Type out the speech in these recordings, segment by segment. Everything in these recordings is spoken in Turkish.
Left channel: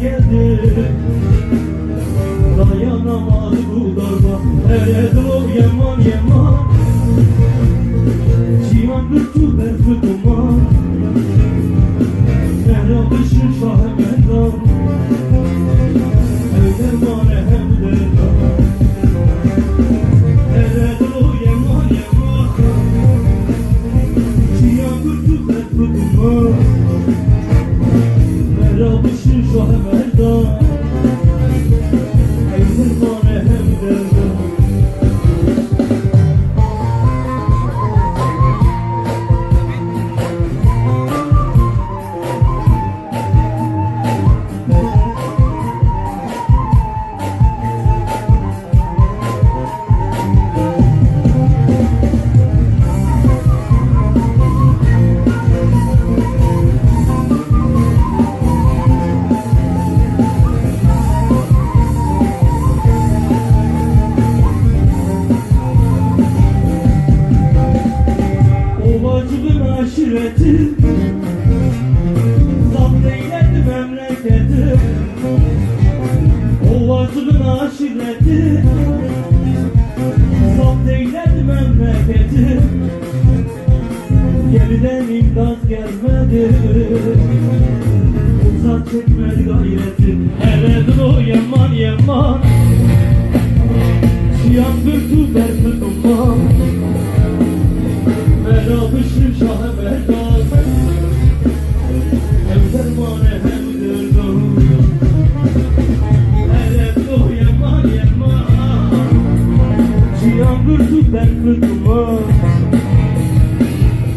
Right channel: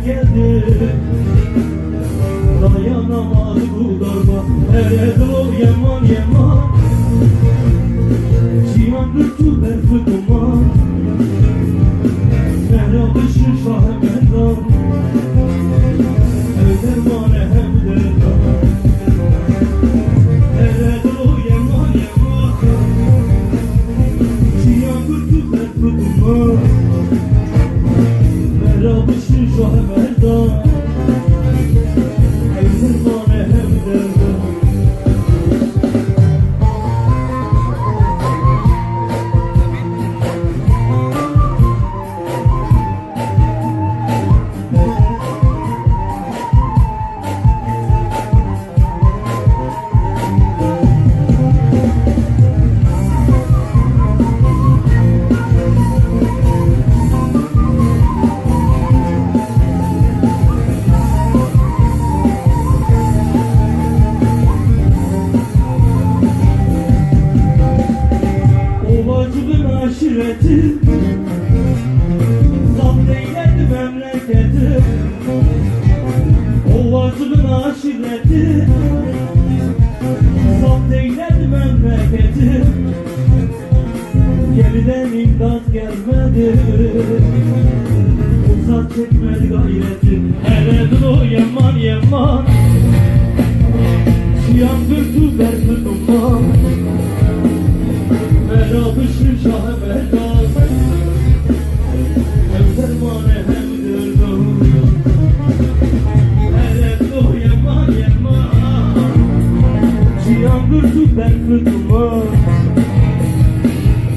geldi. Dayanamadı bu darba. Evet o yaman yaman. Civan kırtı berkı duman. Ehre dışı şahı meydan. Evde var evde dağ. Evet o yaman yaman. Civan kırtı berkı duman. Ehre dışı şahı meydan. Evde var evde dağ. Aşireti zapt eyledi memleketi. Ovacının aşireti zapt eyledi memleketi. Geriden imdat gelmedi, uzak çekmedi gayreti. Evet o yaman yaman, siyah kırdı derdi duman. Meradışı şahı merdad. Evler mane evdir dağ. Evet o yaman yaman. Cihan kırdı derdi duman.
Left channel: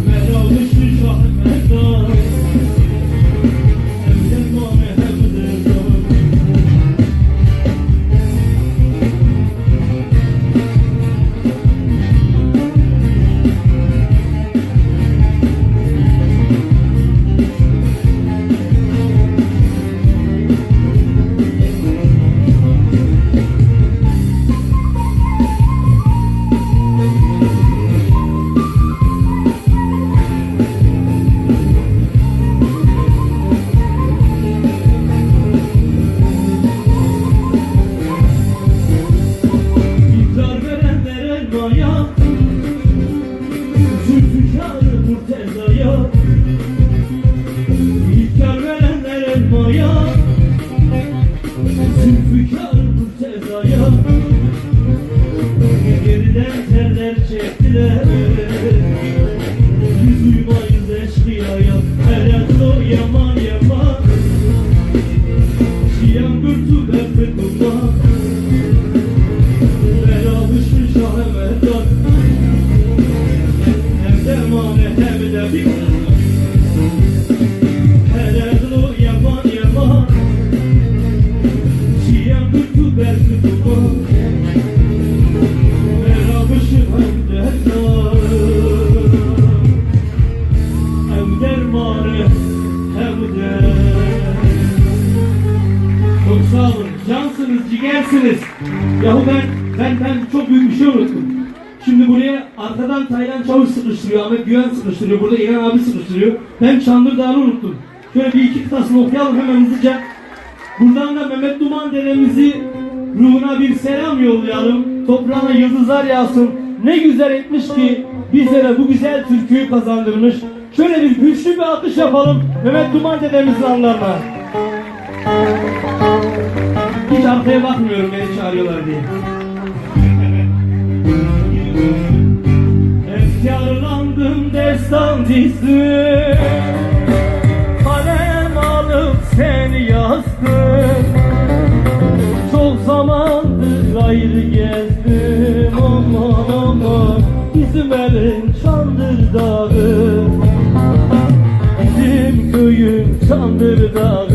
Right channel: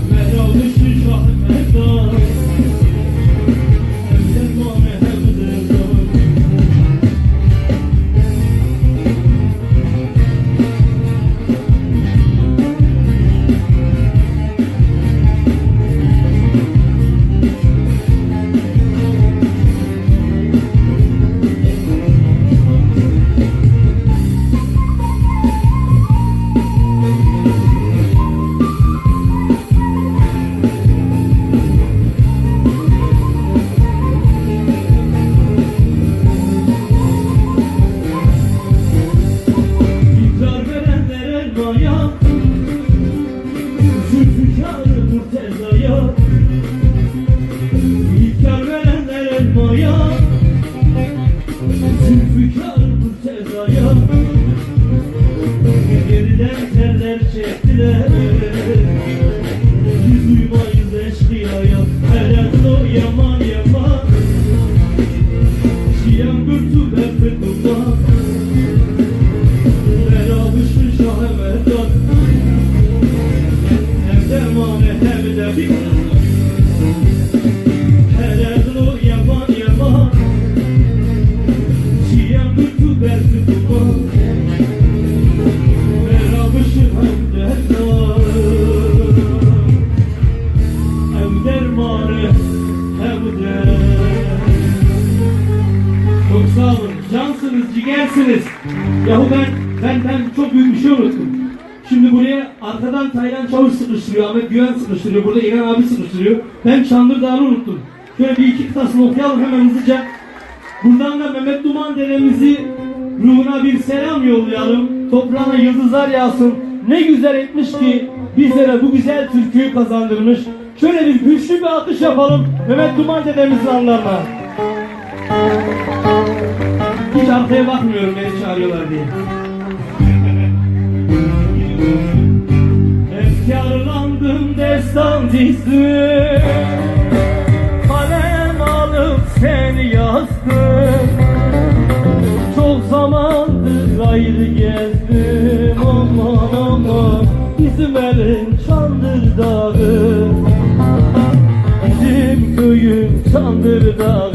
Meradışı şahı merdad. Evler mane evdir dağ. Çok sağ olun, cansınız, ciğersiniz. Yahu ben çok büyük bir şey unuttum. Şimdi buraya arkadan Taylan Çavuş sıkıştırıyor, Ahmet Güven sıkıştırıyor, burada İlhan abi sıkıştırıyor. Ben Çanlıdağ'ı unuttum. Şöyle bir iki kıtasını okuyalım hemen hızlıca. Buradan da Mehmet Duman dedemizi ruhuna bir selam yollayalım. Toprağına yıldızlar yağsın. Ne güzel etmiş ki bizlere bu güzel türküyü kazandırmış. Şöyle bir güçlü bir alkış yapalım. Mehmet Duman dedemizi anlarlar. Hiç arkaya bakmıyorum beni çağırıyorlar diye. Efkarlandım destan dizdim. Kalem alıp seni yazdım. Çok zamandır gayrı gezdim. Aman aman bizim elin Çandır Dağı. Bizim köyün Çandır Dağı.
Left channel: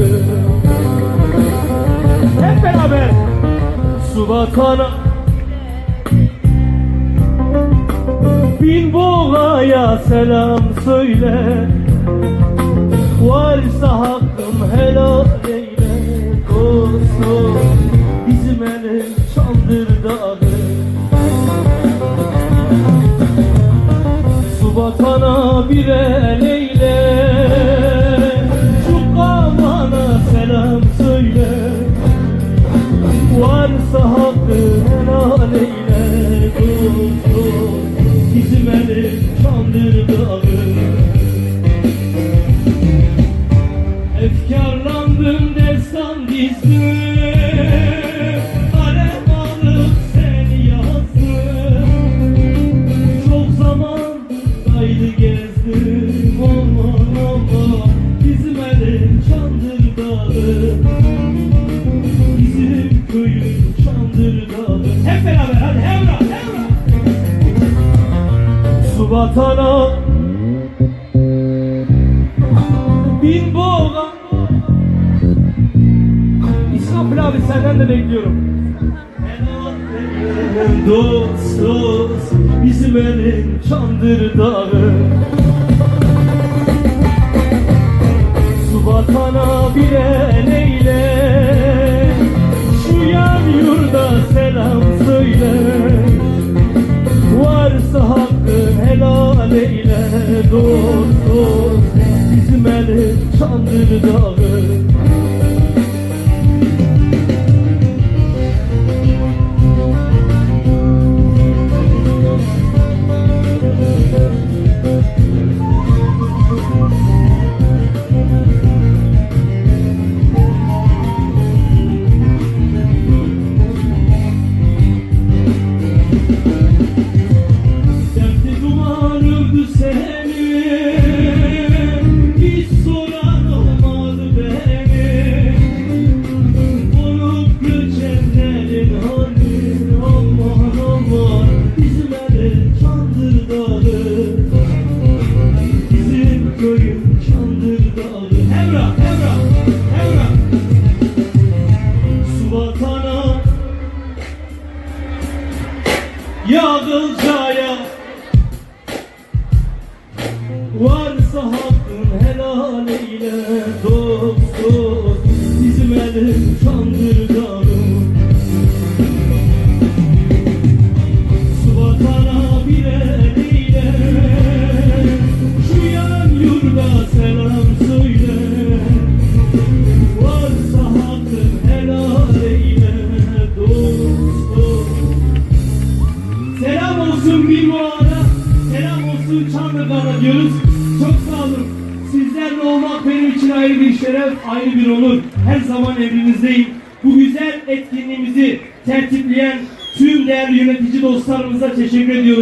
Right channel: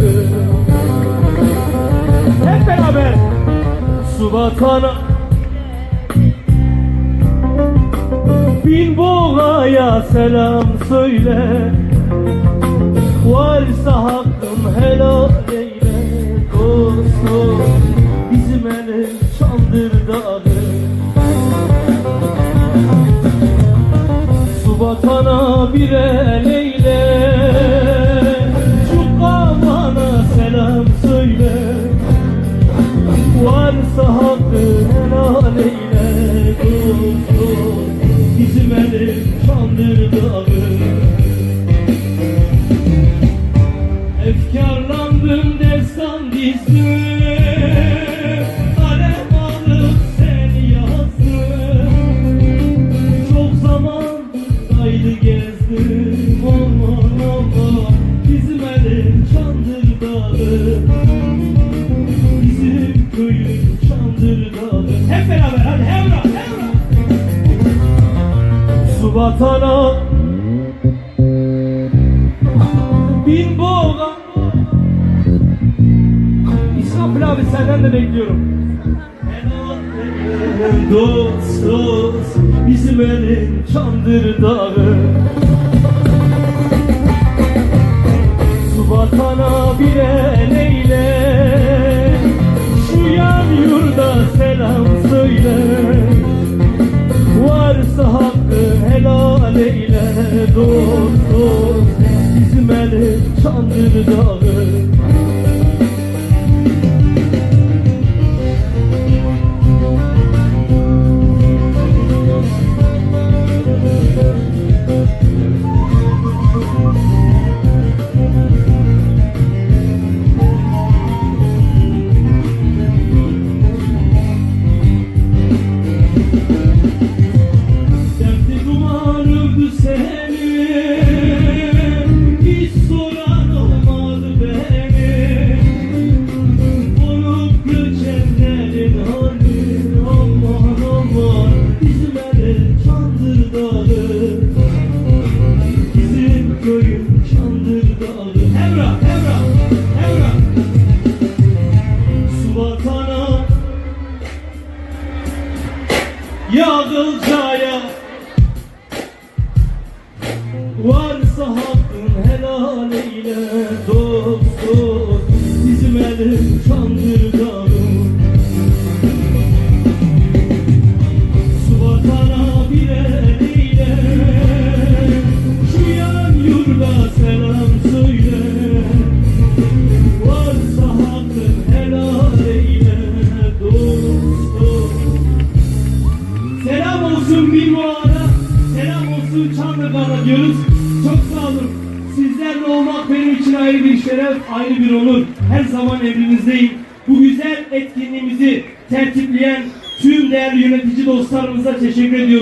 Hep beraber su bakar bin Bola'ya selam söyle. Kalem aldım seni yazdım. Çok zaman kaydı gezdim. Aman aman bizim elim Çandırdağı. Bizim köyün Çandırdağı. Hep beraber hadi Emrah Emrah. Su vatana bin boğulan. İsmail abi senden de bekliyorum. Dost dost bizim elim Çandırdağı. Su vatana bir el eyle. Şu yan yurda selam söyle. Varsa hakkın helal eyle. Dost dost bizim elim Çandırdağı. Dertli duvarırdı seni, hiç soran olmadı beni. Olup göçenlerin hali, aman aman bizim elim Çandırdağı. Bizim köyün Çandırdağı. Emrah, Emrah, Emrah. Su vatana Yağdılcaya varsa hakkın helal eyle. Dost dost bizim elim Çandırdağı. Su vatana bir el eyle. Şu yan yurda selam söyle. Varsa hakkın helal eyle. Dost dost. Selam olsun Bilboğa'da, selam olsun Çandırdağ'da diyoruz. Çok sağ olun. Sizlerle olmak benim için ayrı bir şeref, ayrı bir onur. Her zaman emrinizdeyim. Bu güzel etkinliğimizi tertipleyen tüm değerli yönetici dostlarımıza teşekkür ediyorum.